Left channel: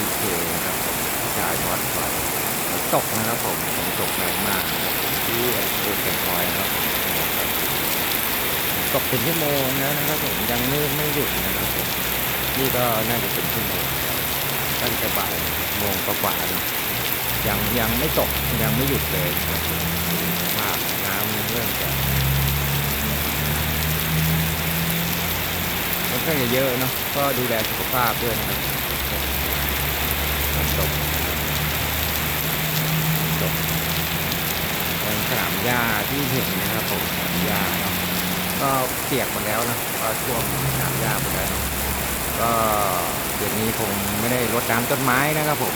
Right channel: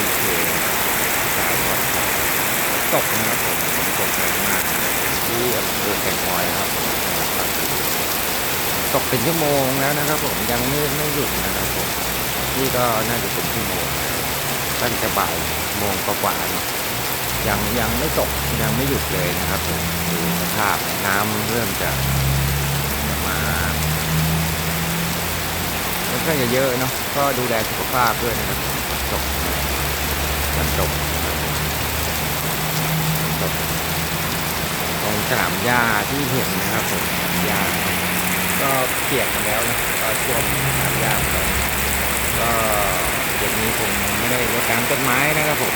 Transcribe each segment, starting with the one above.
องโอเคนะครับสายบอลฝนตกนะครับผมฝนตกแรงมากนะครับที่อำเภอแก่งคอยนะครับผมจังหวัดปัตตานีตกเป็นชั่วโมงแล้วนะครับ ผมยังไม่ไม่หยุดนะครับผมนี่ก็น่าจะเป็นชั่วโมงแล้วตั้งแต่บ่ายโมงกว่าเนาะยังยังไม่ตกยังไม่หยุดเลยนะครับผมดูสภาพน้ำเริ่มจะมาค่อนข้างจะเยอะเนาะก็ดูแลสุขภาพด้วยนะครับตก มันตกนะครับตรงสนามหญ้าที่เห็นนะครับผมสนามหญ้าเนาะก็เปียกหมดแล้วนะก็ท่วมสนามหญ้าหมดแล้วก็เดี๋ยวนี้คงไม่ได้รดน้ำต้นไม้นะครับผม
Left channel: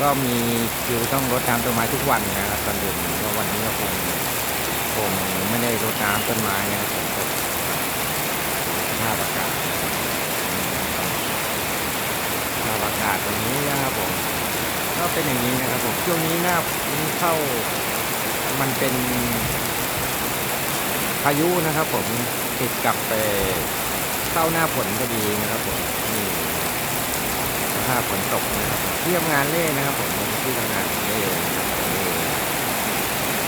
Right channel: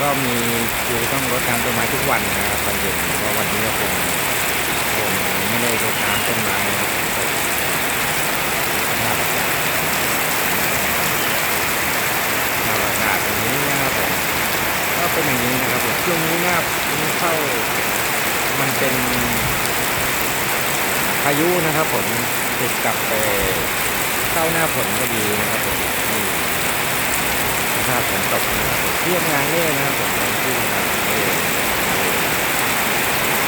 ก็มีคิวต้องรดน้ำต้นไม้ทุกวันนะครับตอนเย็นเพราะวันนี้ก็คงคงไม่ได้รดน้ำต้นไม้นะครับผมตกสภาพอากาศสภาพอากาศตรงนี้ ก็เป็นอย่างนี้นะครับผมช่วงนี้หน้าเข้ามันเป็นพายุนะครับ ผมติดกับไปเข้าหน้าฝนก็ดีนะครับผมนี่สภาพฝนตกนะครับผมที่ทำงานเล่นะครับผมที่ทำงานเล่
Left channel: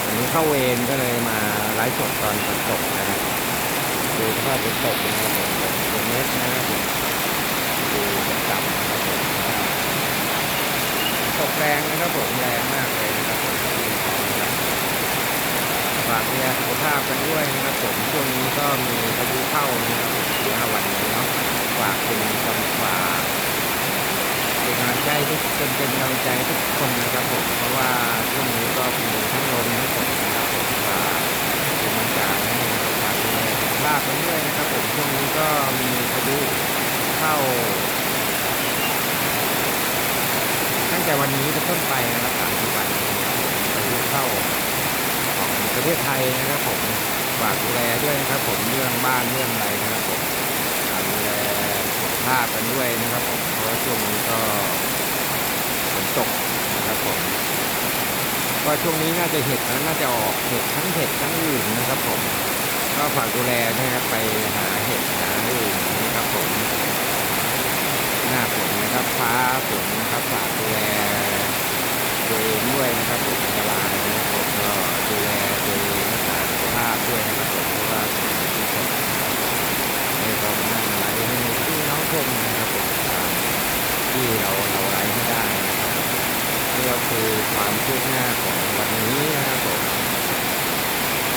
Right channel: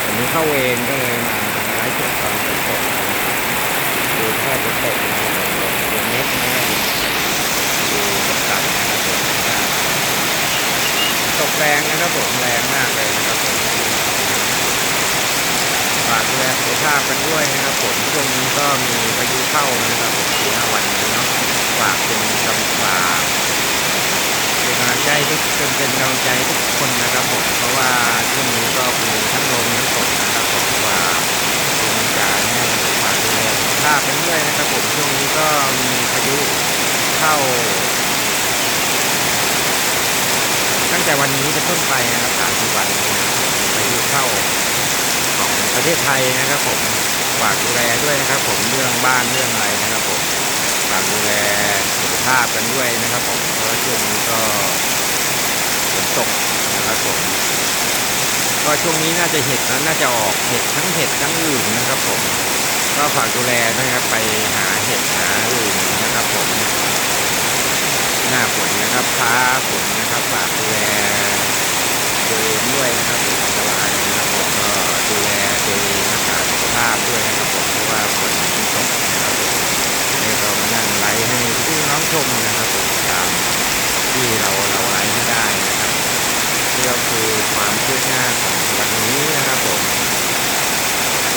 วันนี้เข้าเวรก็เลยมาไลฟ์สดตอนฝนตกนะครับดูสภาพฝนตกนะครับผมเดือนเมตรนะครับผมดูต่ำๆนะครับผม ตกแรงนะครับผมแรงมากเลยนะครับผมฝากดูแลสุขภาพกันด้วยนะครับ ผมช่วงนี้ก็มีพายุเข้านะครับผมสี่ห้าวันนี้เนาะฝากเป็นกำฝากเป็นกำลังใจทุกเป็นเป็นกำลังใจทุกคนนะครับผมเพราะว่าช่วงนี้ก็มีทั้งลมทั้งฝนนะครับผมฝากเป็นกำลังใจนะครับฝากดูแลสุขภาพกันด้วยนะครับ ผมช่วงนี้ก็มีพายุเข้า ตั้ งแต่วันนี้เป็นต้นไปนะครับสามสิบวันนะครับผมพายุเข้าของประเทศไทยนะครับ ผมฝากดูแลด้วยนะครับ ผมเรื่องบ้านเรื่องอะไรนะครับผมฝากดูแลสุขภาพกันด้วยนะครับ ผมเพราะช่วงนี้ก็ฝนตกนะครับผมก็ช่วงนี้น่าจะเห็ดแล้วน่าจะออกเห็ดทั้งเห็ดทั้งอื่นนะครับ ผม ก็ฝากดูแลนะครับไปหาเห็ดหาอื่นนะครับ ผม หน้าฝนนะครับฟ้าฝนนะครับฝากดูแลตัวเองด้วยนะครับผมอันตรายนะครับผมก็ดูแลตัวเองรักษาสุขภาพด้วยนะครับผมเพราะว่าฝนมันตกนะครับผมนี่ก็มานั่งไลฟ์ให้พี่น้องชมนะครับผมตามที่เราเราไลฟ์ให้ได้นะครับนี่ก็คือความคืบหน้าของวันนี้นะครับผม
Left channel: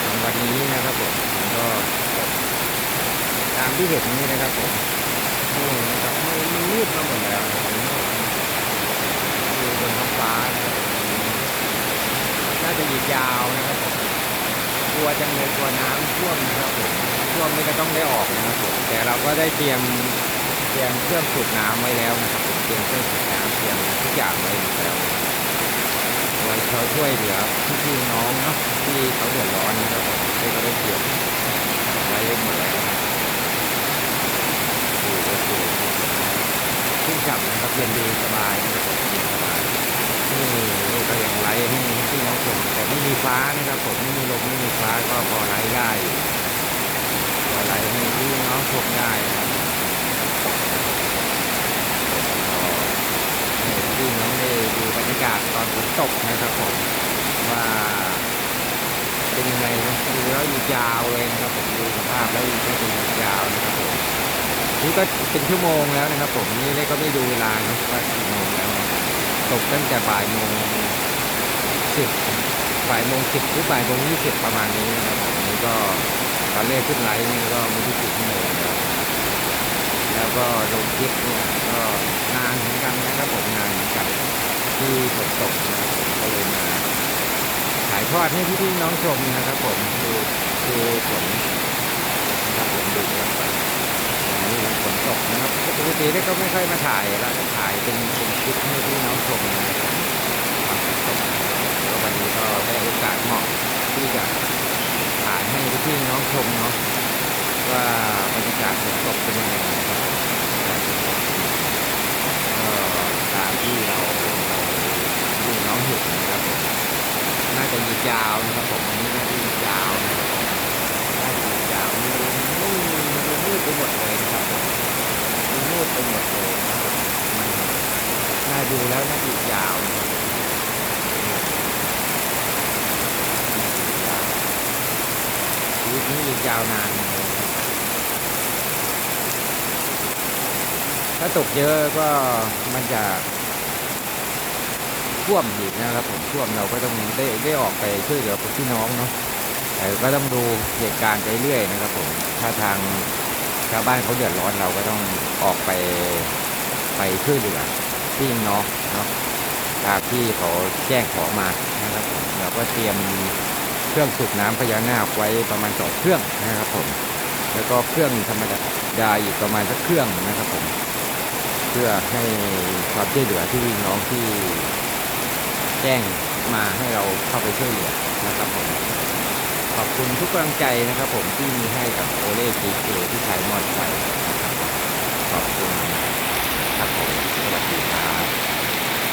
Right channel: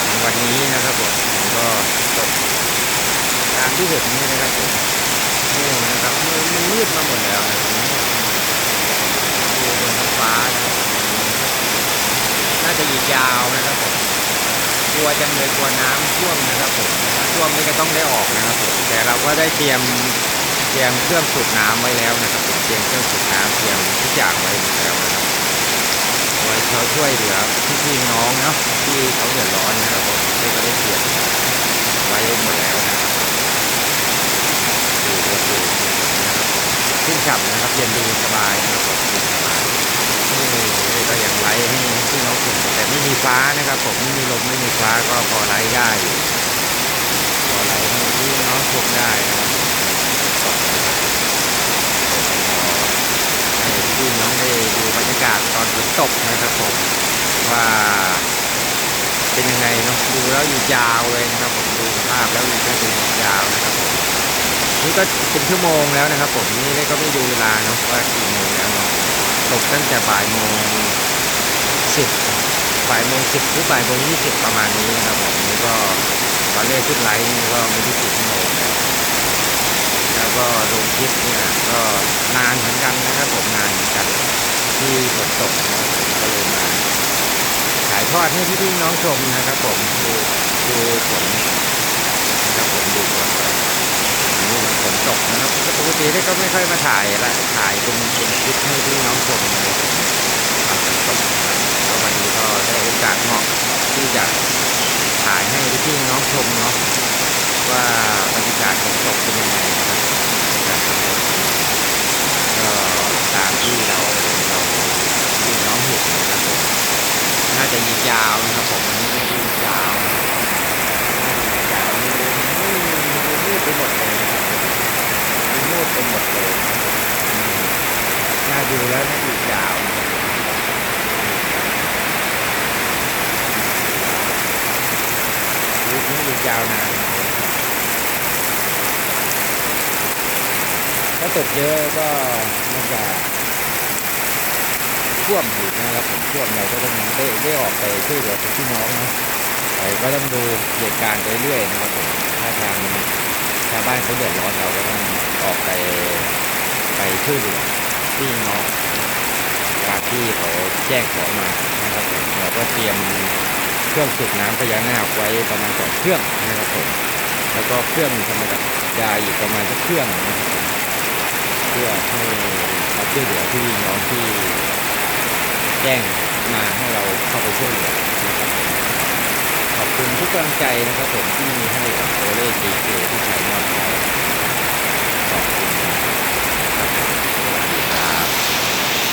ของวันนี้นะครับผมก็ตกตามที่เห็นนี้นะครับผม นี่นะครับมันมืดมาหมดแล้วนะครับดูบนท้องฟ้านะครับน่าจะอีกยาวนะครับผมกลัวจังเลยกลัวน้ำท่วมนะครับผมท่วมนี่ก็ต้องได้ออกนะครับผมแต่เราก็ได้เตรียมเตรียมเครื่องสูบน้ำไว้แล้วนะครับผมเตรียมเครื่องสูบน้ำเตรียมทุกอย่างไว้หมดแล้วนะครับไว้เขาช่วยเหลือพี่น้องเนาะที่เขาเดือดร้อนนะครับผมนี่ก็ได้เตรียมไว้หมดแล้วนะครับ ขึ้นฉ่ำนะครับเย็นดีสบายนะครับผมเย็นสบายนี่นี่ก็ยังไลฟ์ให้พี่น้องชมแต่ไม่มีฟ้านะครับ ผมไม่มีลมไม่มีฟ้าก็พอไลฟ์ได้อยู่พอไลฟ์ให้พี่น้องชมได้นะครับตกนะครับให้พี่น้องได้ดูบรรยากาศตอนฝนตกนะครับผมว่าเป็นยังไงเนาะดูแล้วอยู่ยาวเลยนะครับ ผมดูสภาพแล้วอยู่ก็เป็นยาวนะครับผม นี่ก็เป็นชั่วโมงแล้วนะครับ ผมนี่ได้ก็ไม่ดูเวลาเนาะว่ากี่โมงแล้วเนาะตกตั้งแต่บ่ายโมงสิบบ่ายโมงสิบหรือบ่ายโมงยี่สิบประมาณนี้นะครับผมนี่ก็ตอนเลขขึ้นไลฟ์นี่ก็ไม่ได้กี่ชั่วโมงแล้ว แล้วก็ลงคลิปเนี่ยก็นานเหมือนกันนะครับ ผมนานเหมือนกันที่ฝนตกนะครับผมก็เลยมาถ่ายทอดให้พี่ๆน้องชมนะครับ ผมดูดูฝนนะครับผมดูฝนไป นี่มันฝนตกนะครับปกติได้ก็ไม่ค่อยมาถ่ายละถ่ายเป็นเป็นคลิปให้พี่น้องชมเลยฝนตกนะครับววันนี้ก็ได้โอกาสเหมาะที่จะถ่ายให้พี่น้องชมเนาะว่าบรรยากาศฝนตกเป็นยังไงนะครับการฝนตกก็ตามที่เราเราพี่น้องเห็นนะครับผมน่าจะยิงยาวนะครับผมวันนี้น่าจะยิงยาวนะครับน่าจะยิงยาวนี่ไม่มืดไปหมดเลยนะครับผมมันมืดไปหมดเลยนะครับผมอืม น่าดูแล้วน่าอีกยาวนะครับชีวิตนี้อี กยาวนานนะครับถ้าตกเยอะก็มันจะท่วมอีกนะครับผมท่วมเราก็ต้องได้ได้ออกไปช่วยเหลือพี่น้องนะแต่ก็ต้องดูเหตุการณ์ไปเรื่อยนะครับผมถ้าทางชาวบ้านเขาเดือดร้อนเราก็ต้องออกไปไปช่วยเหลือพี่น้องนาะตามที่เขาแจ้งขอมานะครับผมเราก็เตรียม เครื่องสูบน้ำพญานาคไว้ประมาณสองเครื่องนะครับผมแล้วก็เครื่องธรรมดาอีกประมาณสักเครื่องนะครับผมเพื่อให้ความช่วยเหลือที่น้องที่แจ้งมาให้เราเข้าไปช่วยเหลือนะครับผมขอบคุณทุกกำลังใจนะครับ ผมที่มีให้กับโอเล่ดีเจที่ใช้มอดไปขอบคุณครับผมสวัสดีครับ